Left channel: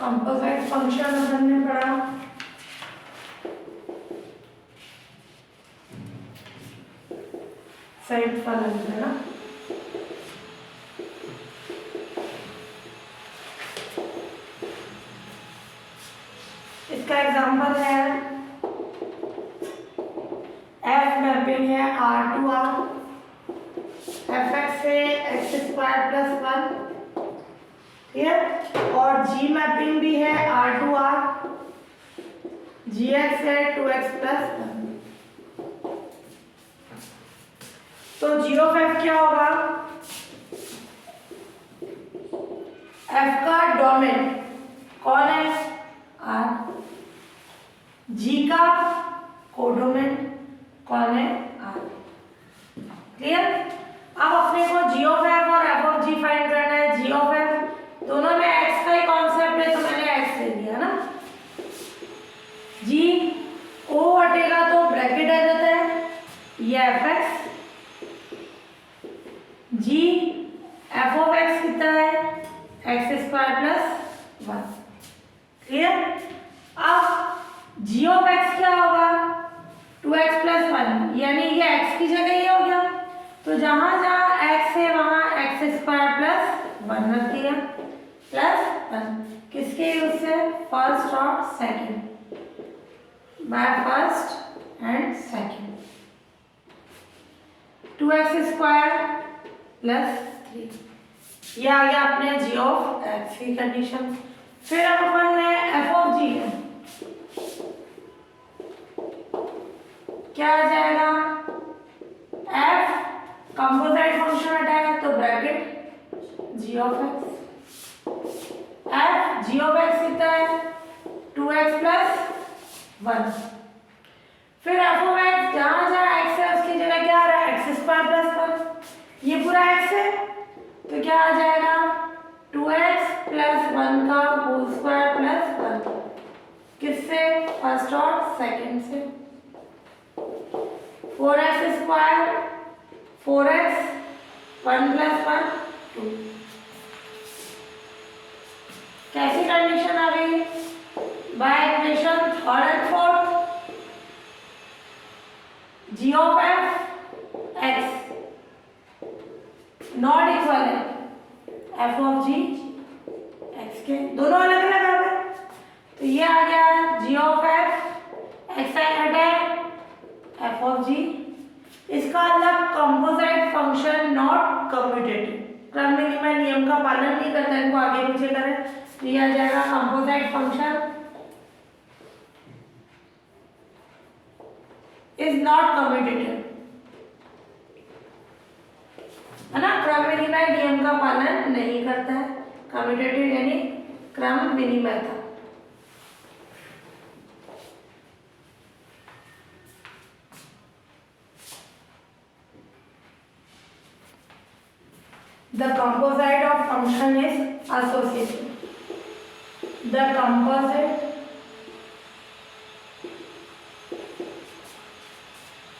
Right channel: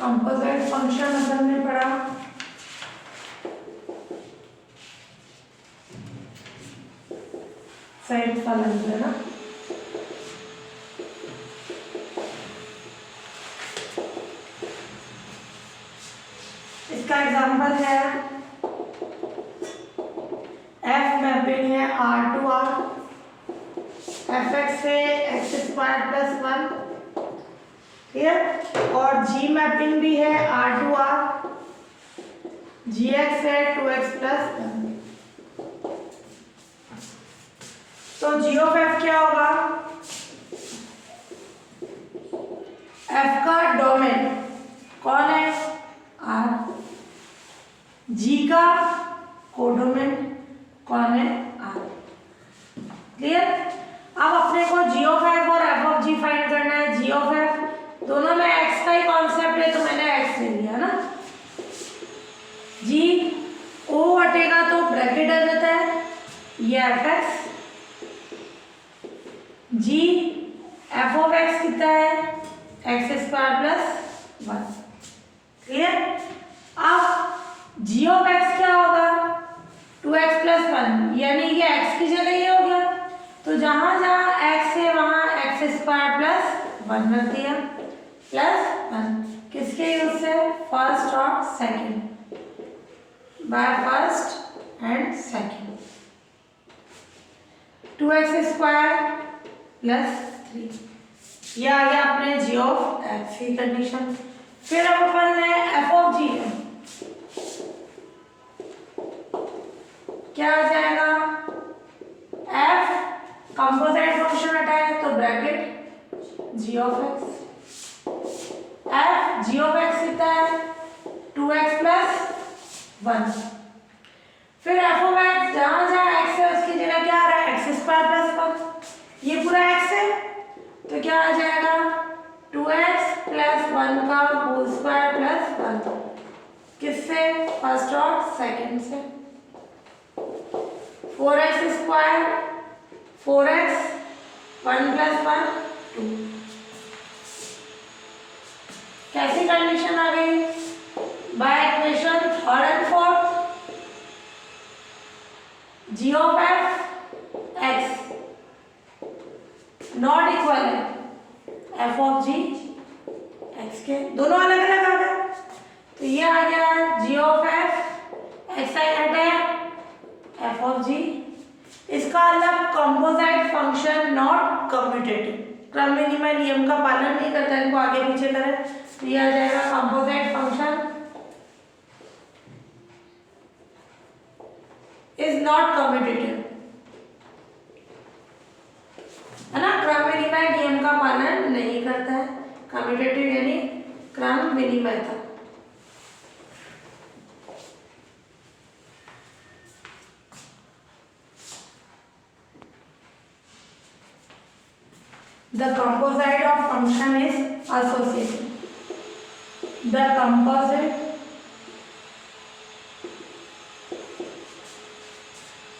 Composite function अपन ने पढ़ा। संयुक्त फलन है ना। इसका एग्जांपल है एफ मैपिंग है R to R, f x से एक्स स्क्वायर प्लस वन, ठीक है, और जी मैपिंग भी है R to R, g x है टू एक्स प्लस वन। तो जी ऑफ एफ क्या होगा, एफ का डोमेन कौन है आर, जी का कोडोमेन कौन है आर। क्लियर। अब अपने को जी ऑफ एफ और एफ ऑफ जी फाइंड करना है। जी ऑफ एफ दोनों में एक्स का ही कॉन्सेप्ट है तो मैंने एक्स ले लिया ना। जी ओ हटेगा तो ब्रैकेट आ जाता है, ये f x, g f of x कितना है x square plus one. Clear. अब जी ऑफ एक्स क्या होगा टू एक्स प्लस वन, यानी ये एक्स की जगह ये हो गया, तो जहां जहां एक्स है वहां एक्स स्क्वायर प्लस वन रख दिया, प्लस वन किसके यूज से, फर्स्ट और second, by first and second, two x square plus three, ये आ गया अपने जी ऑफ एक्स की कंडीशन। फिर अब अपन है एफ ऑफ जी है, क्या आ जाएगा, एफ कंपोजिट फंक्शन हटाया तो bracket g of x, f g of x कितना है टू एक्स प्लस वन, फिर एफ ऑफ एक्स जहां जहां एक्स है उसकी जगह क्या आ रहा है एक्स स्क्वायर प्लस वन, ये पूरा एक्स है तो क्या आ जाएगा टू एक्स प्लस वन का होल स्क्वायर प्लस वन, किससे फर्स्ट और सेकंड से, four x square four x one plus one two. कैसी कंडीशन आ गई, by equation third and fourth, g of f x not equal है f of g x के, दोनों अलग अलग आ गए, तो ये आ गया जी ऑफ एफ एक्स आई हटे एफ ऑफ जी, इसका मतलब कंपोजिट फंक्शन नॉट कम्यूटेटिव, क्रम विनिमय नियम का पालन नहीं करता, इनको आगे पीछे करें तो ये आ जाएगा composite function is not commutative, है ना, क्रम विनिमय नियम का पालन नहीं करता है, कम्यूटेटिव यानी क्रम विनिमय था। The composite of function is associative. The composite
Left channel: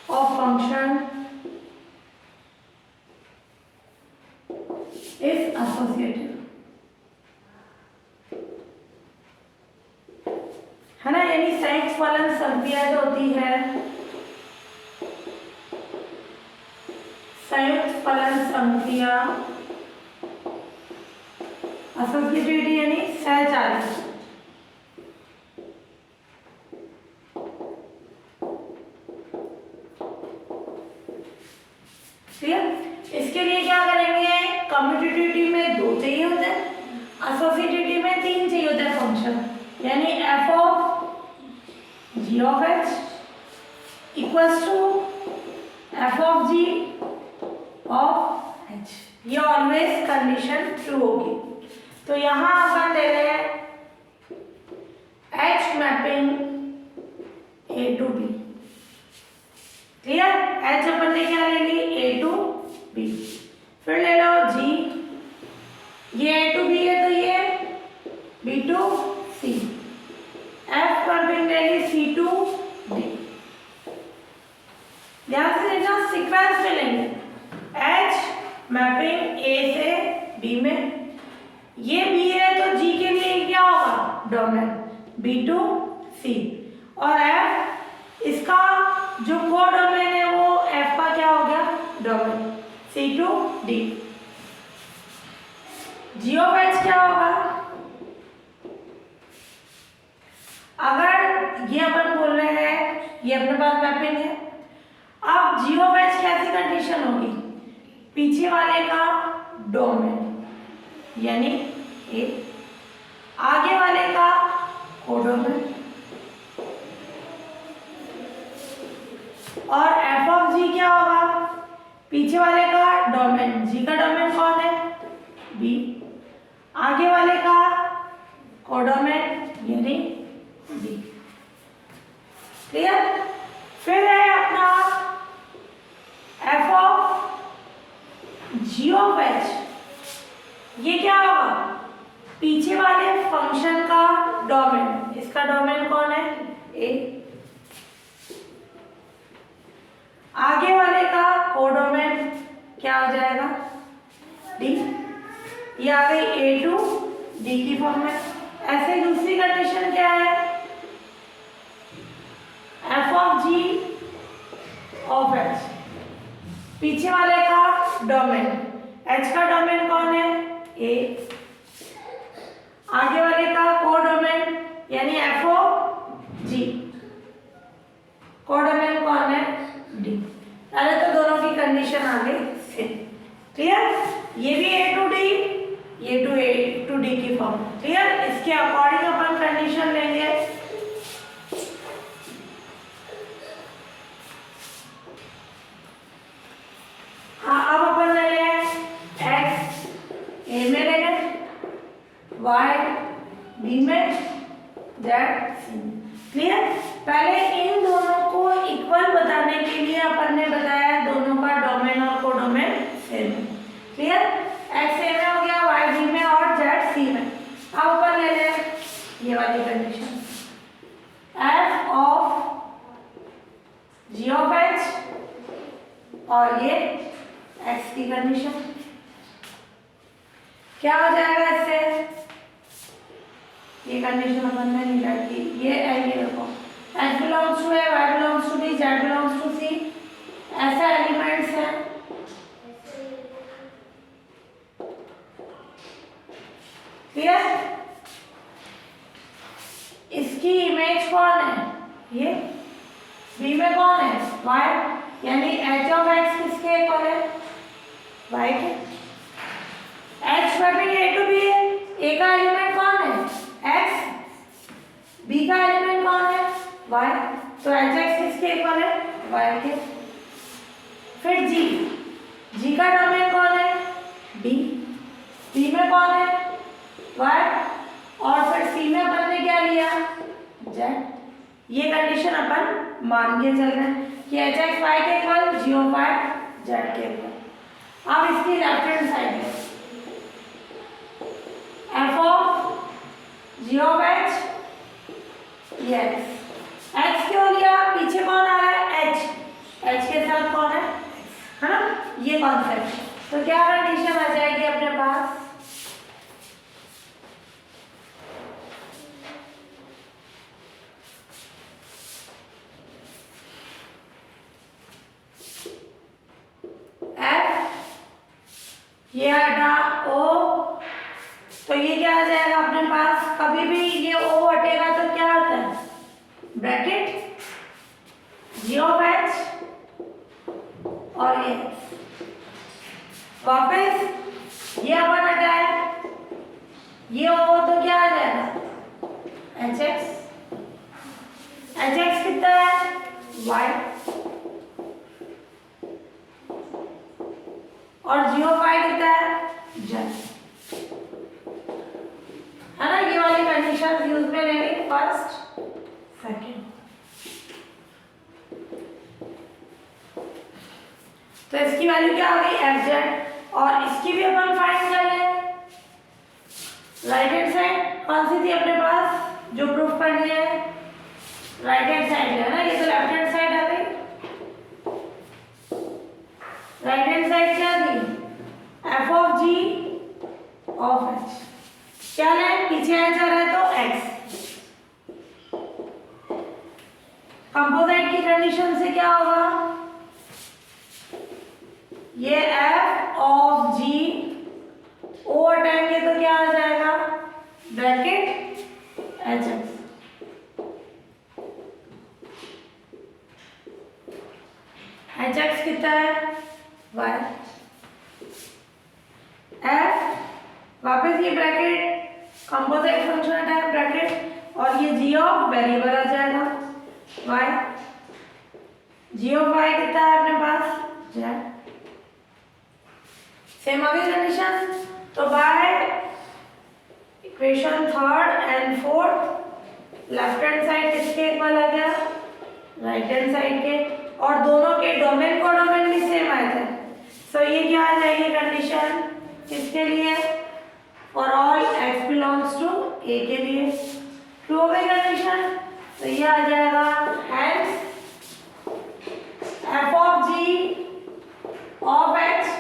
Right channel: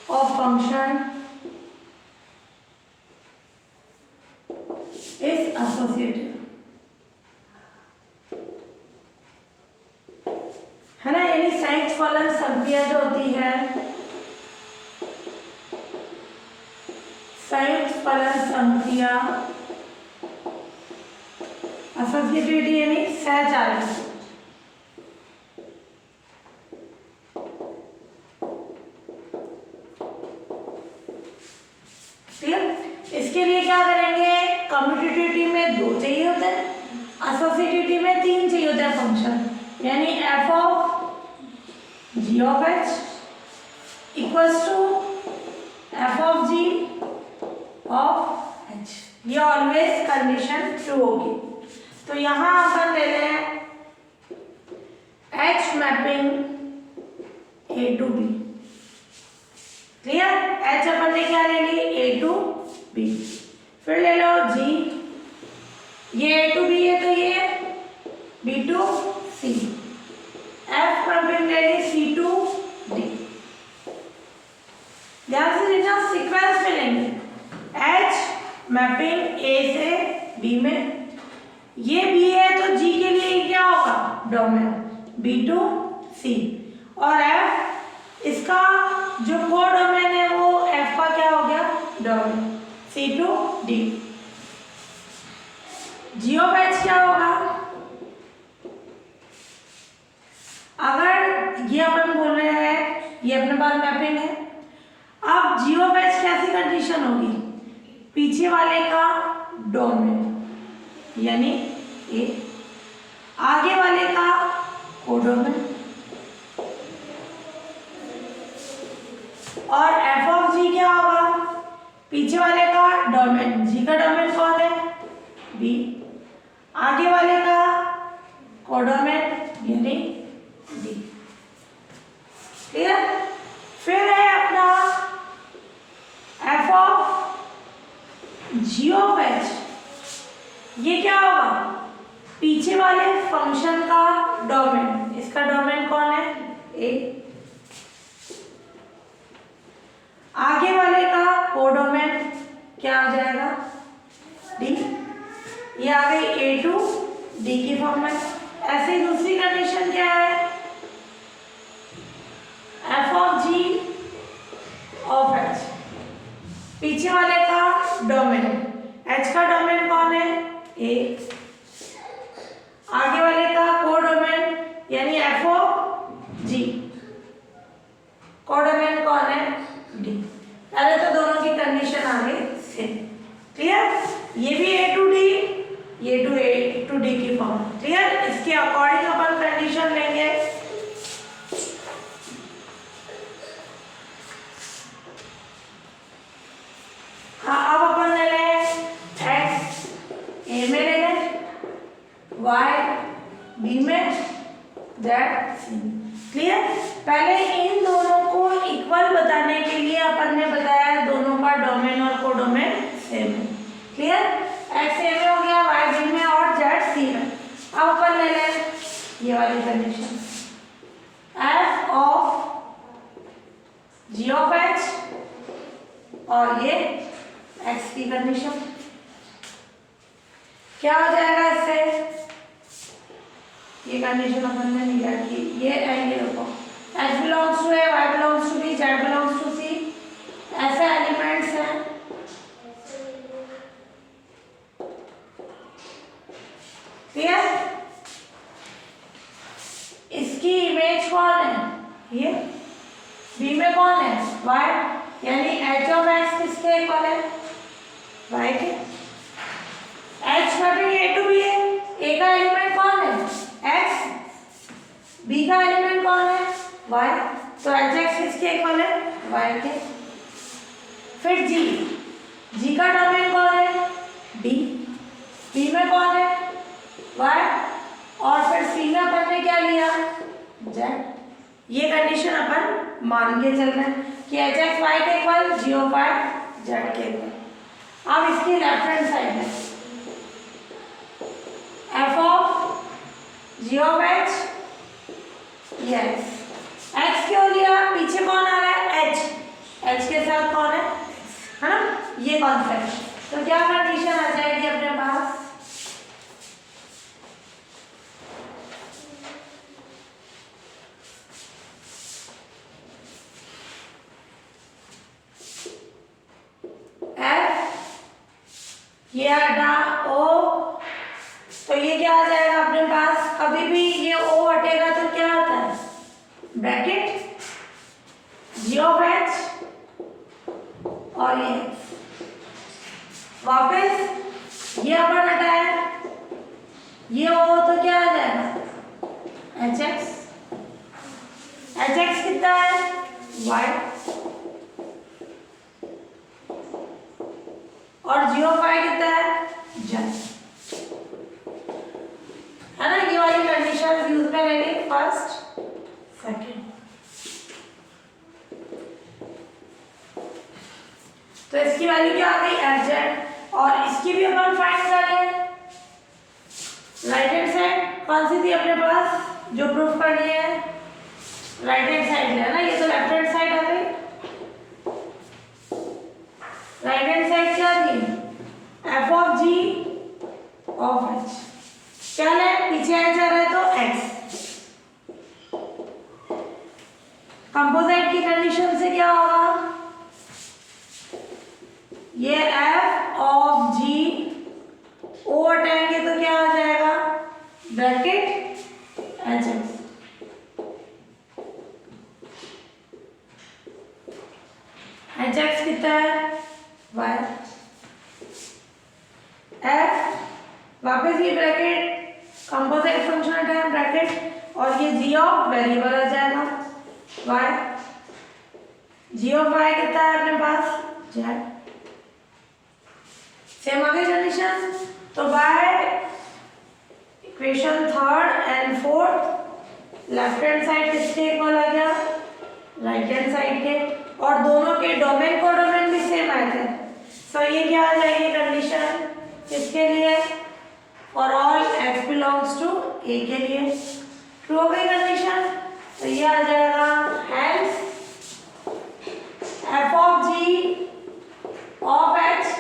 of function is associative, है ना, यानी संयुक्त फलन संक्रिया जो होती है, संयुक्त फलन संक्रिया एसोसिएटिविटी यानी सहचारी, क्लियर। इसके लिए क्या करेंगे, कम्यूटेटिविटी में दो चाहिए होते हैं, एसोसिएटिविटी में तीन चाहिए होते हैं फंक्शन, यानी F of G of H equals to F of G of H, ये ऑलवेज कंडीशन ट्रू होगी। तो यहां अपन ले रहे हैं H mapping A to B, clear, H अपन ने क्या ले ली ए टू बी, फिर ले लो जी, ये ए टू बी है तो ये B to C, f mapping ले ली सी टू डी, ध्यान से देखना सीक्वेंस में लेंगे, एच मैपिंग ए से बी में, ये बी है तो जी के लिए क्या होगा B2C। और F इसका जो को डोमेन है वो F का क्या हो गया domain C2D। G of H क्या होगा, अगर ये अपन बोल रहे हैं ये अपने पास मैपिंग है। अब G ऑफ H कैसी कंडीशन होगी, पीछे वाले का डोमेन यानी ए, आगे वाले का कोडोमेन, और F ऑफ G क्या होगा, पीछे वाले का डोमेन, G का डोमेन कौन है B, आगे वाले का कोडोमेन यानी D। क्लियर। फिर है अपना F of G of H, ये क्या होगा, पीछे वाले फंक्शन का डोमेन, इसका डोमेन कौन है A, आगे वाले का कोडोमेन क्या हो जाएगा D, ये आ गई A टू D की फॉर्म में। ऐसे ही दूसरी कंडीशन क्या है, F of G of H, पीछे वाले का डोमेन, H का डोमेन कौन है A, आगे वाले का कोडोमेन यानी F ऑफ G, कोडोमेन कौन है D। पहले तो दोनों की कंडीशन आ गई सेम। क्लियर। ये भी A टू D, ये A टू D की फॉर्म। क्लियर। इसके अकॉर्डिंग अपन कंडीशन लेंगे। हाँ, अब अपन ले लें X A में लेंगे, Y B में, Z C में। क्लियर। पहले इन दोनों को इक्वल बताने के लिए अपन ने बताया दोनों का डोमेन और कोडोमेन सेम है। क्लियर। X A में हो गया, Y B में और Z C में। अब अपन ले लें ये वाली condition, F of G of H और ये X की कंडीशन क्या हो जाएगा इससे, ये कंडीशन अपन ने नहीं रखी, ये एल रखो, H belongs to A, Y belongs to B, Z belongs to C, ऐसे एलिमेंट्स हैं। क्लियर। इसकी इमेज कौन है, ये B में कौन है Y, यानी H ऑफ X किसके इक्वल है Y के। H mapping A to B है, A का एलिमेंट कौन है X, B का एलिमेंट कौन है Y, तो Hx किसके इक्वल है Y के। फिर G का डोमेन कौन है B, B में कौन है Y, और फिर C में अपन ने क्या लिया Z। ये कंडीशन अपन मान के चल रहे हैं कि Hx Y के equal, G of Y Z के इक्वल। अब इसकी लेफ्ट हैंड साइड है F of G of H, yes X क्यों लिया, पीछे कौन आ रहा है H, H के साथ कौन है ना, ये कॉन्सेप्ट। तो क्या कंडीशन आ जाएगी अपने पास, F ये हटा O, तो ये क्या आ जाएगा अपने पास, कभी भी ये O हटेगा तो क्या आता है ब्रैकेट G ऑफ H और ये वापस ये अपन हटाया, ये O तो क्या आ जाएगा Hx, Hx कितना है Y, और G ऑफ Y कितना है Z, है ना। ये वाली कंडीशन यूज में लेंगे फर्स्ट सेकंड। तो इसकी वैल्यू क्या आ गई Fz, और इसकी भी अपन फाइंड कर लें। राइट हैंड साइड कौन सी थी अपने पास जो प्रूफ करनी है, राइट हैंड साइड है ना, ये तो लेफ्ट हैंड साइड आ गई। राइट हैंड साइड क्या थी F of G of H, क्या ले पीछे आ जा रहा है तो X, ये एफ ऑफ जी ओ हटाएंगे तो क्या आ जाएगा, bracket H x. H x कितना है, वाई। एफ वापस ये ब्रैकेट कंपोजिट फंक्शन हटाए ब्रैकेट, और ये जी ऑफ वेरिएबल आ जाएगा वाई। जी ऑफ वाई कितना है अपने पास, जेड। सेम अगली कंडीशन, तो bye equation third and fourth left hand side किसके इक्वल आ गया, राइट हैंड साइड के, और दोनों के डोमेन को डोमेन भी सेम आए थे। सो ये क्या आ जाएगी कंडीशन किसके लिए, for all x belongs to a के लिए। ट्रू हो गई कंडीशन, तो ये आ जाएगा hence f of g of h,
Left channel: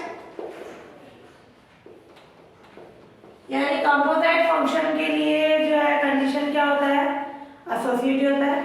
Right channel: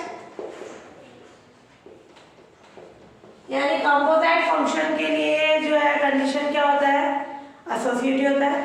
यानी कंपोजिट फंक्शन के लिए जो है कंडीशन क्या होता है, एसोसिएटिव होता है।